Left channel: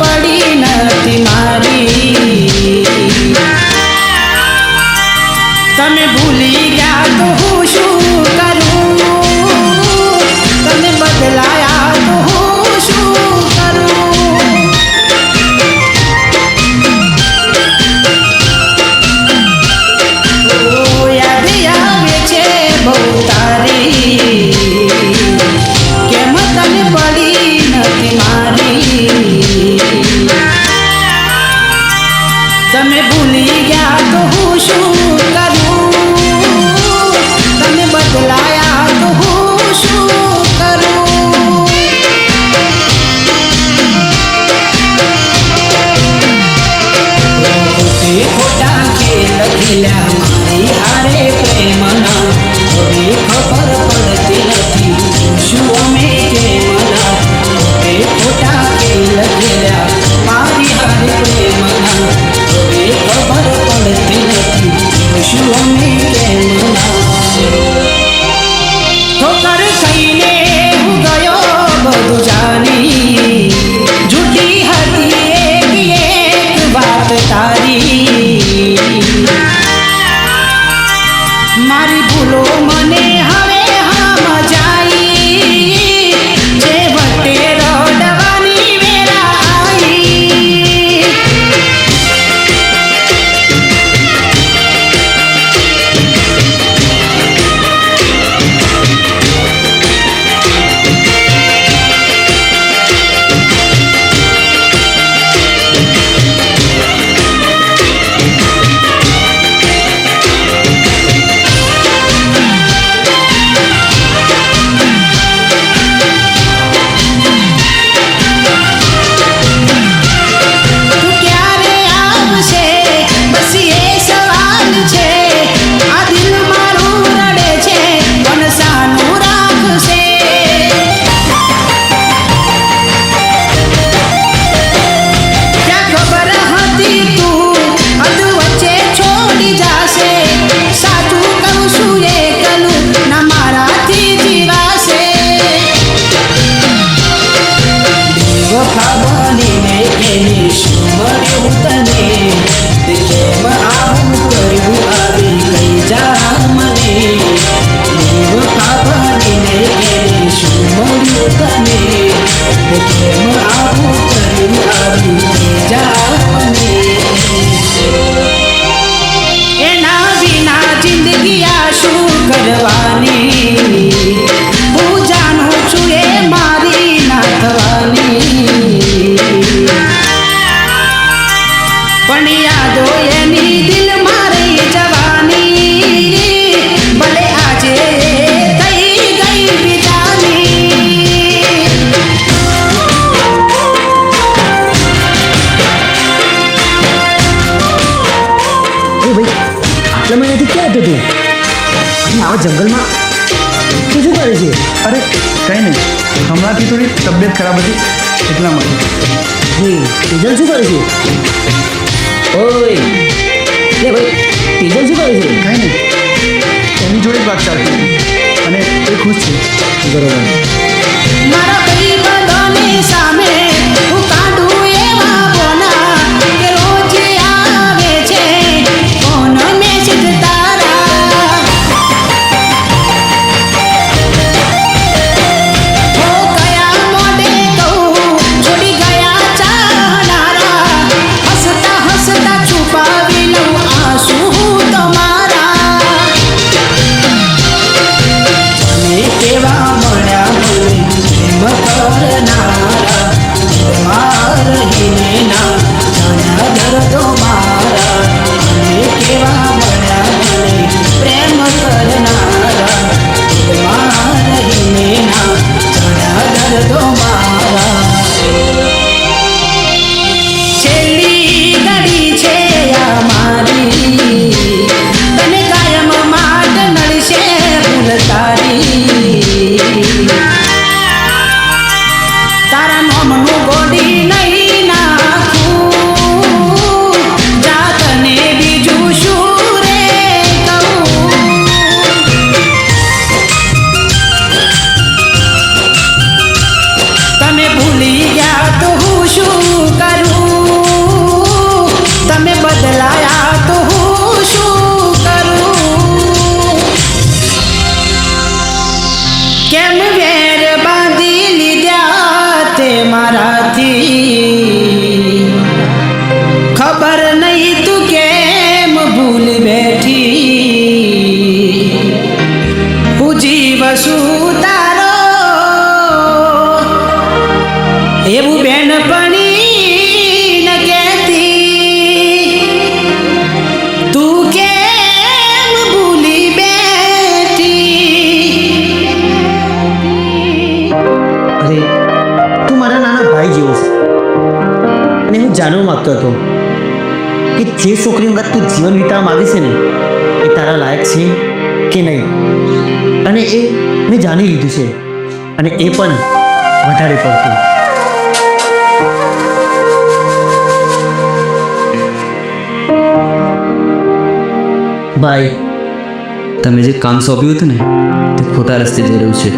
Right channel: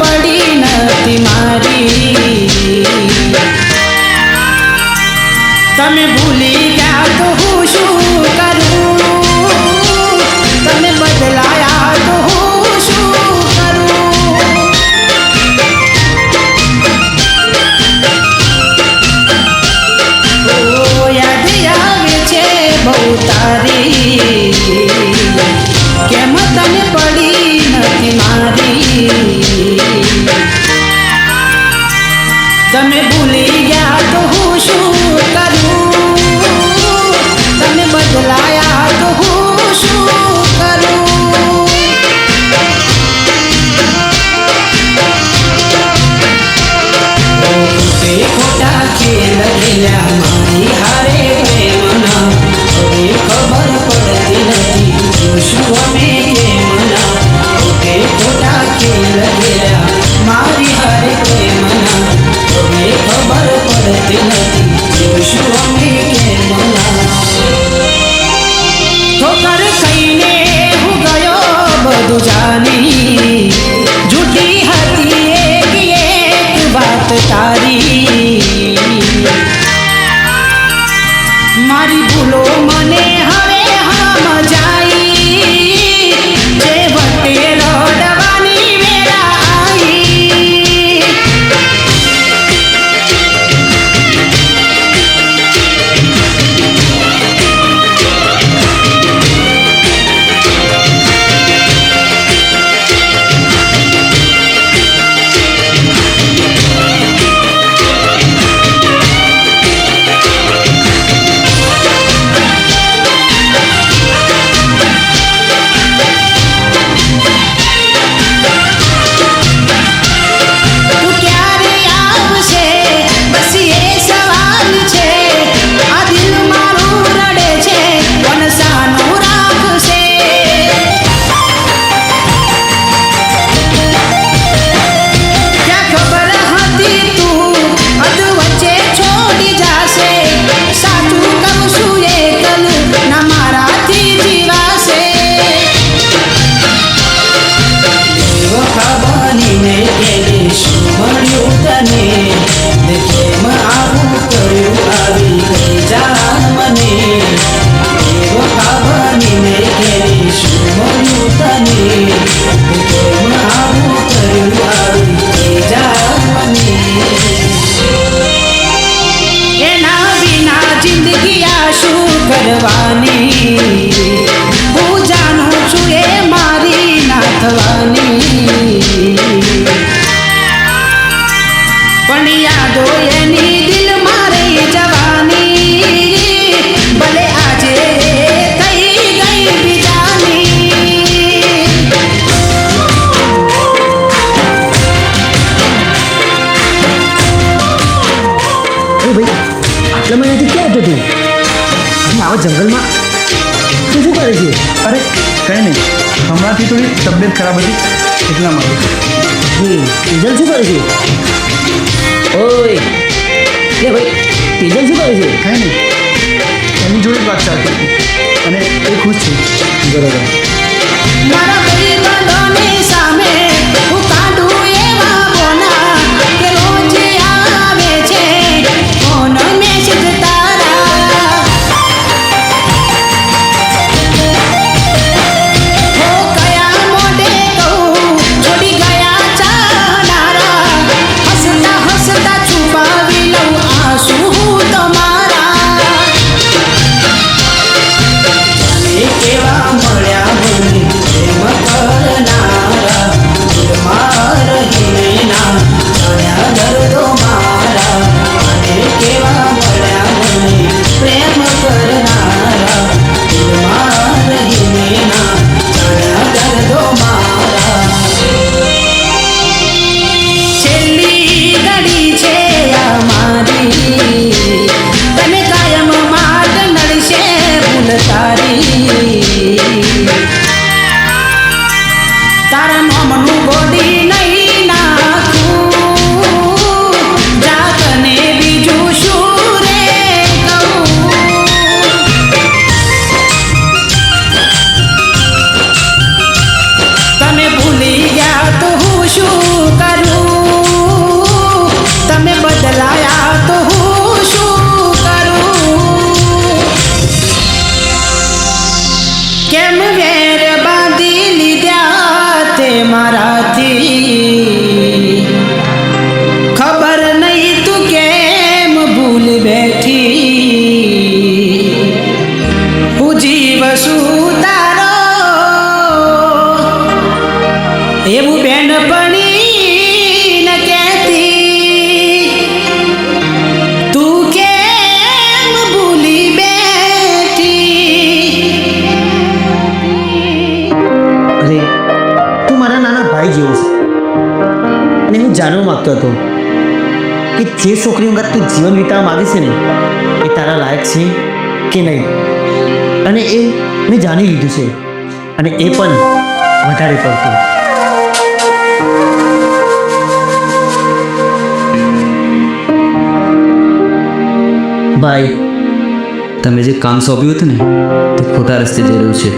પડી નથી મારી. તમે ભૂલી ગયા તો હું શું કરું, તમે બદલાયા તો હું શું કરું. યાદ આવે છે બહુ તારી, કેમ તને પડી નથી મારી. તમે ભૂલી ગયા તો હું શું કરું, તમે બદલાયા તો હું શું કરું. ખોટા ખેલ ખેલ્યા મારી હારે પ્રેમના, હવે ખબર પડતી નથી શું અમે કેમના. ખોટા ખેલ ખેલ્યા મારી હારે પ્રેમના, હવે ખબર પડતી નથી શું અમે કેમના. ઠોકર કહીને હું ગયો બધું જાની, જૂઠી હતી એક વાત તારી. મારી ભૂલો મને હવે સમજાઈ, જે વટે રડવાની વેરા આવી. બનીને એને શું મળ્યું તને, કેમ આવું કર્યું આવી ગઈ જાન મને. બનીને એને શું મળ્યું તને, કેમ આવું કર્યું આવી ગઈ જાન મને. એના વિના જિંદગી આ શું કરવાની, હું જાણું છું એ મારી ના થવાની. પણ યાદો એની દિલ મારી જવાની, ભલે આજે થઈ ગઈ બીજાની. અરે ભાઈ, આટલા મહિનાથી ક્યાં હતો તું? અને આવા જંગલમાં તું શું કરે છે? અરે કંઈ નહીં, હમણાંથી થોડી તબિયત ખરાબ હતી એટલા માટે. તેજલ શું કરે છે? ઓય લે ભાઈ, તેજલ શું કરે છે? કંઈ નહીં, એની જોડે જ વાત ચાલતી હતી અને એ ખુશ છે. બરોબર. મારા ભાઈબંધોની સામે હું કાઢું એવા બોના, કે રોજ આવે છે ફોન મેસેજ તારા. હો કયા મોઢે કહું છોડી ગયા ચાહનારા, હસતા હસતા છુપાવી લઉં આંસુ હું તમારા. તમે કેવા મળ્યા મને પ્રેમ કરનારા, દિલમાં રહીને ના જાણ્યા દર્દો મારા. અને કેવા મળ્યા મને પ્રેમ કરનારા, દિલમાં રહીને ના જાણ્યા દર્દો મારા. છેલ્લી ઘડી છે આ મારી, તને કાયમ માટે નડશે ભૂલ તારી. તારા નોમનું ગોડી નહીં નાખું, જાતને બીજું શું રે કહું. તમે ભૂલી ગયા તો હું શું કરું. એવું બેનપણી ન કહેતી તું કેમ ભૂલી બેઠી. અરે તું મારા નાના ભાઈ જેવો છે અને હું જાણવા માંગતો હતો કે જે છોકરી અંગત તું જીવન વિતાવવા માંગે છે ને એ તારા લાયક છે કે નહીં, અને એ મેં જાણી લીધું છે, અને એ પણ વધારે પડતું. ભાઈ, તમે જે કામ સોંપ્યું હતું ને તે ખોટા રસ્તે જઈ રહ્યું છે.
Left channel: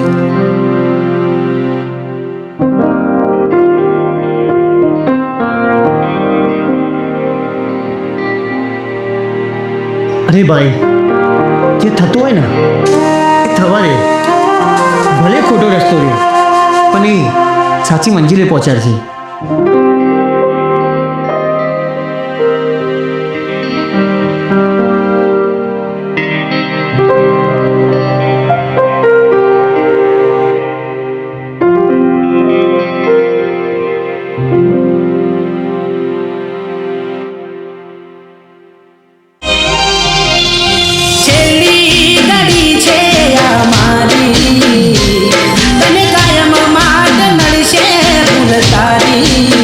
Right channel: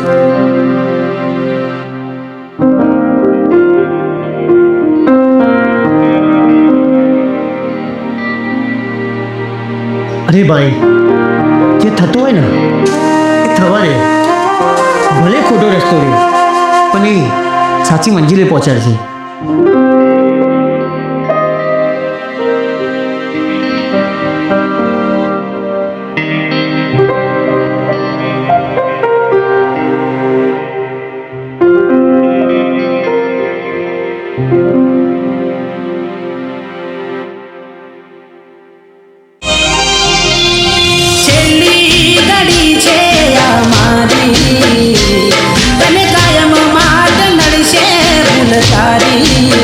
અરે ભાઈ, જે થતું હોય ને એ થવા દે. ભલે ખોટો રસ્તો રહે પણ એ સાચી મંજિલે પહોંચાડશે. છેલ્લી ઘડી છે આ મારી તને કાયમ માટે નડશે ભૂલ તારી.